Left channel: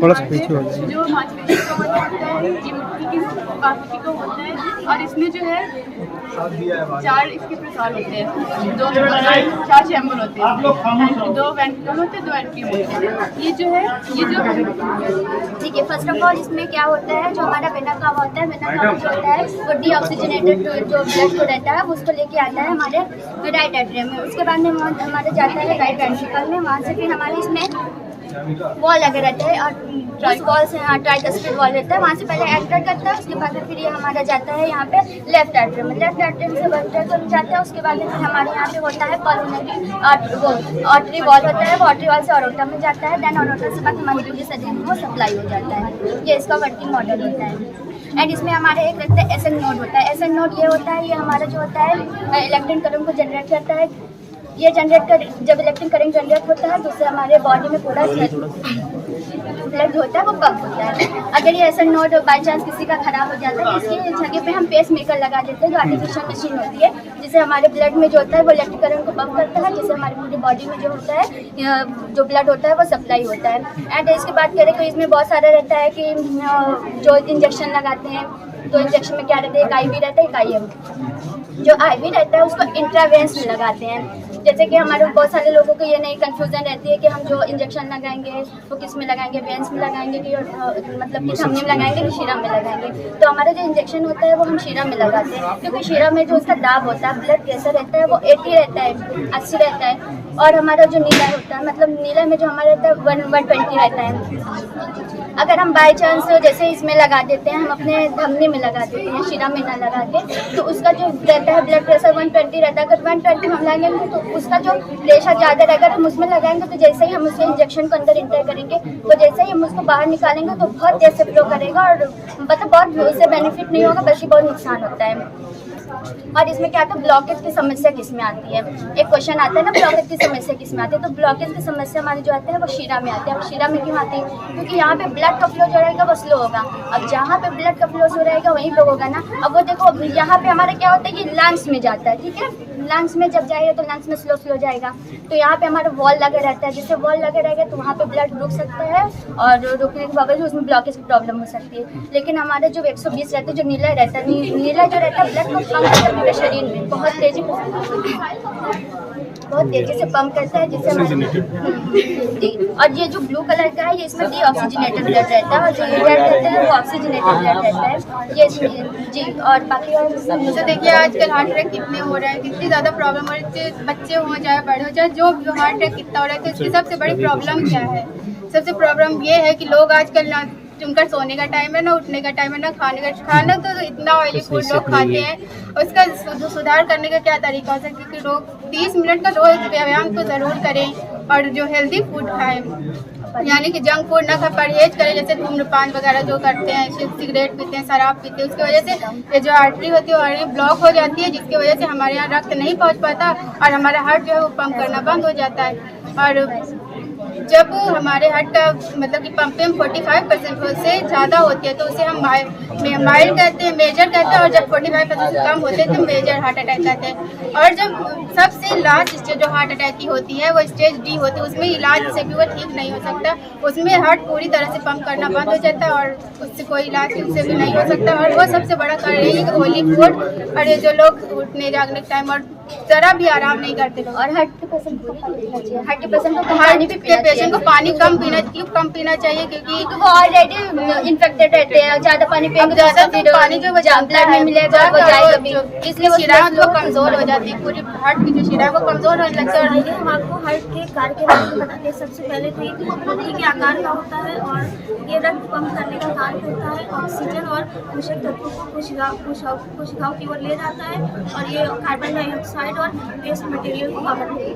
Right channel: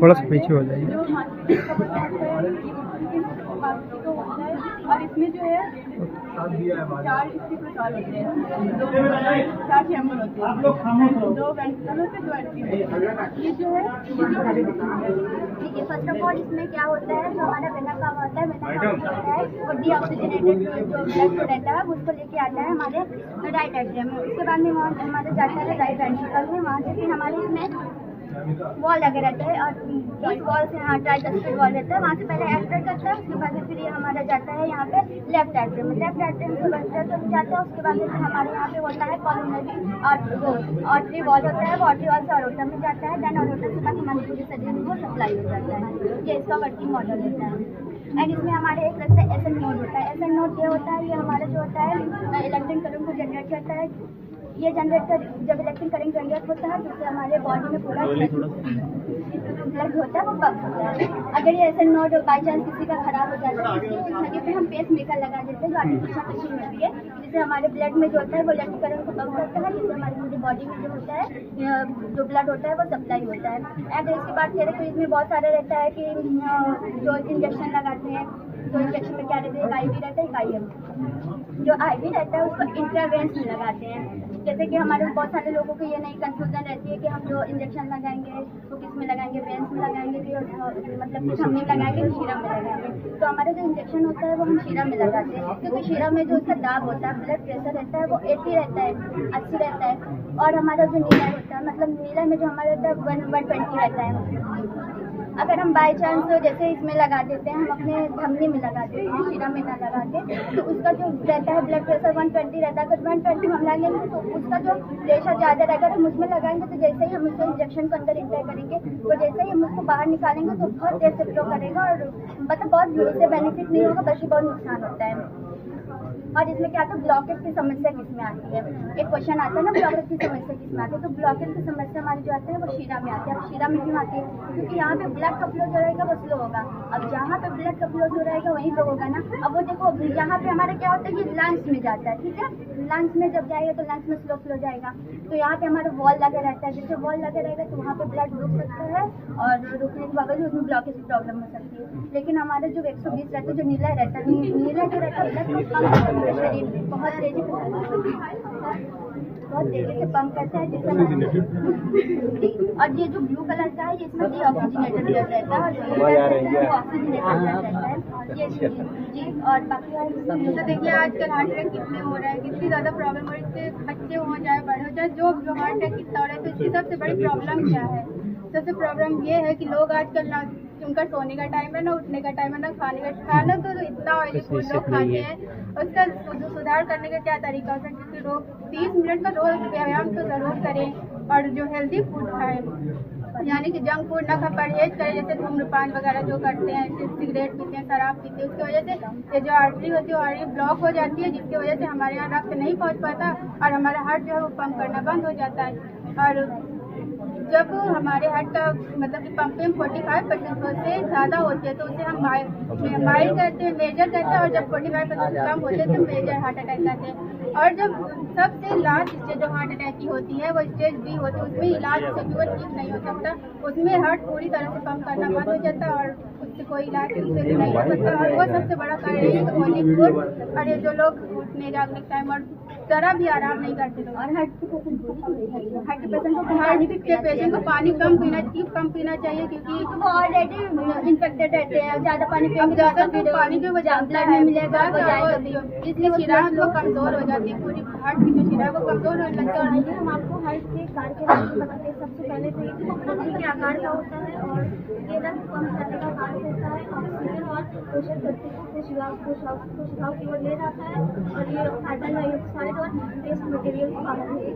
थोड़ा सा पीछे हो जाएगी। जो मांसपेशी का होता है ये मुट्ठी की मांसपेशी का होता है और इसमें जो है 4 इसके प्रकार होते हैं, 2 4 चैम्बर होते हैं, 2 वेंट्रिकल होते हैं, 2 एंट्रियम होते हैं। ये जो है ये जो ठीक है, फर्स्ट ऑफ ऑल इसमें क्या होता है, जो हमारा वेना कावा होता है, वेना कावा जो होता है वो डीऑक्सीजनेटेड जो ब्लड को रहता है उसको लेके आता है हमारे राइट एट्रियम में। उसके बाद में हमारे जाता है राइट वेंट्रिकल में, वहाँ से फिर हमारे इसमें वॉल लगे रहते हैं और इस वॉल से हाँ ट्राइकस्पिड वॉल रहता है, वहाँ से पहले एंटर करता है। उसके बाद फिर ये हमारा जाता है यहाँ पे लेफ्ट एट्रियम में, लेफ्ट एट्रियम से वेंट्रिकल जाता है। उसके बाद फिर हमारे यहाँ पे होता है पल्मोनरी आर्टरी वॉल होता है, वो आर्टरी वॉल से ऑरोटा में जाता है, देन ऑरोटा से बाद हमारी जो शरीर में वो सप्लाई हो जाता है। ये इसका वर्किंग मॉडल होता है। एंड इसमें हमारे एक रहता है एसएन नोड होता है। एसएन नोड ये होता है, ये हमारा जो होता है इलेक्ट्रिक करंट को जनरेट करता है। ये जनरेट कर जब इलेक्ट्रिक करंट जनरेट होता है तो उससे हमारे बॉडी में पूरा ब्लड होता है वो पंप होता है। अगर ये एसएन नोड बाई चांस किसी का खराब हो जाता है, इसकी जगह पे हम पेस मेकर लगा देते हैं, जो आर्टिफिशियल मशीन होती है, जिससे हमारे ब्लड में जो होता है वो इलेक्ट्रिक करंट को पंप करता है, जिससे हमारी पूरी बॉडी में जो होता है जो ब्लड होता है वो सप्लाई होता है। एंड इसकी बात करें तो इसमें बहुत सारा रहता है कि जो इंजेक्शन लगाते हैं, तो इंजेक्शन में क्या रहता है, एक आईवी रहता है, एक आईएम। जो आईवी रहता है उसको इंट्रावेंस में लगाते हैं। जैसे कि हमारे बहुत सारे लोगों को ये नई कंफ्यूजन रहती है कि हम जो इंजेक्शन लगाएंगे वो किस में लगाएंगे, वेंस में लगाएंगे कि मतलब कि धमनी में लगाएंगे कि शीरा में लगाएंगे। तो हमारा जो इंजेक्शन होता है वो हम शीरा में लगाते हैं, क्योंकि शीरा में जो उसका दाब होता है, ब्लड प्रेशर रहता है वो 80 रहता है, 80 रहता है। और हमारा जो नीला होता है, मतलब नीला में जो हमारा रहता है 120 रहता है। अगर हम बाई चांस जैसे इसमें लगा देते हैं, हम अपने धमनी में लगा देते हैं, शीरा में ना लगा के, तो उसका जो रहता है ब्लड प्रेशर 120 रहता है। अगर 120 हम लगाएंगे तो उसका जो प्रेशर ज़्यादा रहेगा, हम उसमें लगाएंगे तो जैसे ही हम उसके इंजेक्शन को अंदर इंटर करेंगे तो जैसे ही हम उसको बाहर निकालेंगे तो बहुत तेज से फ्लो करेगा और मतलब बहुत उससे बेनिफिट नहीं होगा, बल्कि बहुत नुकसान होता है। और इसमें क्या आता है, ब्लॉकेज की समस्या किसमें आती है। एक क्वेश्चन आता है ना, ब्लॉकेज की समस्या किसमें आती है, तो ब्लॉकेज की समस्या हमारी जो आती है वो शीरा में आती है। और शीरा में क्यों आती है, क्योंकि यहाँ पे ब्लड का फ्लो जो रहेगा वो स्लो होगा। अब जहाँ पे ब्लड का फ्लो स्लो रहेगा वहीं पे होगा ना। अब वो देखो यहाँ पे हमारा क्या होता है, ये लंग्स में जाता है, ठीक है, लंग्स में जब जाएगा तो लंग्स में स्लो जाएगा। तो यहाँ पे हमारा वॉल लगा रहता है, जिससे वॉल लगे रहेगा तो वहाँ पे ब्लड रुक सकता है और रुकने के बावजूद उसमें ब्लॉकेज की प्रॉब्लम हो सकती है। लेकिन हमारे जो 120 रहता है, जो नीला रहता है, नीला जो रहता है ब्लड को पंप करता है शरीर में बहुत तेजी से पंप करता है, जिससे और ये जो ब्लू कलर का है ये इसमें डीऑक्सीजनेटेड ब्लड रहता है, और जो रेड रहता है वो ऑक्सीजनेटेड ब्लड रहता है ये जी। और बाकी और तो देखिए आजकल हार्ट अटैक कितने हो रहे हैं, कितनी ज़्यादा प्रॉब्लम हो रही है, बच्चे हो चाहे बड़े हो चाहे जो भी हार्ट अटैक कितना हो रहा है, तो इसकी सबसे बड़ी प्रॉब्लम क्या है। सबसे प्रॉब्लम ये है कि लोग आजकल ना उनका सोने का टाइम है, ना उठने का टाइम है, ना खाना तो इतना ऑयली फूड लोग खाते हैं। उसका सुधार करने का क्या तरीका हो सकता है कि लोग 30 मिनट का रोज व्यायाम तो ज़रूर करें और जो हेल्दी फूड खाएं, यानी कि जंक फूड ना खा, परहेज करें। जैसे धूम्रपान वगैरह जो करते हैं, सिगरेट पीते हैं, शराब पीते हैं, उसकी वजह से ये जो आर्टरी होती है वो ब्लॉक हो जाती है, जिसकी वजह से हमारे यहाँ रक्त नहीं पहुँच पाता और हमारा हार्ट जो है वो पंप करना बंद हो जाता है। और जब हमारे हार्ट का मतलब कि पंपिंग 45% से ज़्यादा होती है तो उसे हम माइल्ड कहते हैं, मेजर कहते हैं, और जब 45% से कम होते हैं तो मेजर हार्ट अटैक कहते हैं। और जब सबसे लास्ट स्टेज जो हार्ट अटैक की होती है वो स्टेज डी होती है, उसमें इलाज से भी वो ठीक नहीं हो सकता, उसमें हार्ट पूरी तरह से पंप करना बंद हो जाता है और उससे कोई इलाज उससे भी नहीं हो सकता। और वो सबसे बड़ा कारण है कि ऑयली फूड और ये जो लोग उठने जागने के टाइम और ज़रा भी आराम नहीं करते लोग। और 100% को पानी कम पीना चाहिए, क्योंकि वो ऑलरेडी इन्फेक्टेड रहते हैं, ज़्यादा पानी पिएंगे तो पानी जो ब्लड में मिलेगा वो जाएगा भी, इसलिए शिरा तो कमज़ोर हो जाती है, पूरी हार्ट की जो शिरा वो कमज़ोर होने लगता है। और हम आपको हार्ट के कार्य के बारे में बताते हैं। सबसे पहले तो ये मुट्ठी के आकार का होता है और ये रक्त पंप करने का कार्य होता है, ऑक्सीजन और पोषक तत्वों को कोशिकाओं की ओर ले जाता है, और ये कार्बन डाइऑक्साइड और वेस्ट मटेरियल को कवर करता है।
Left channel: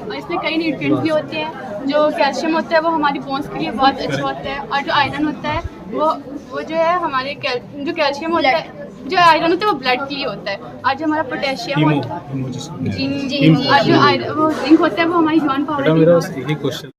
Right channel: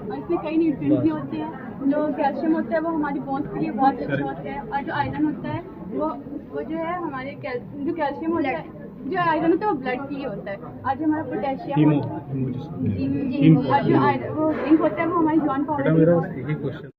और इसमें कई न्यूट्रिएंट्स भी होते हैं। जो कैल्शियम होता है वो हमारी बोन्स के लिए बहुत अच्छा होता है, और जो आयरन होता है वो जो है हमारे जो कैल्शियम होता है, जो आयरन होता है वो ब्लड के लिए होता है, और जो हमारा पोटेशियम होता है जी, और जो वो जिंक होता है वो हमारी जॉइंट पावर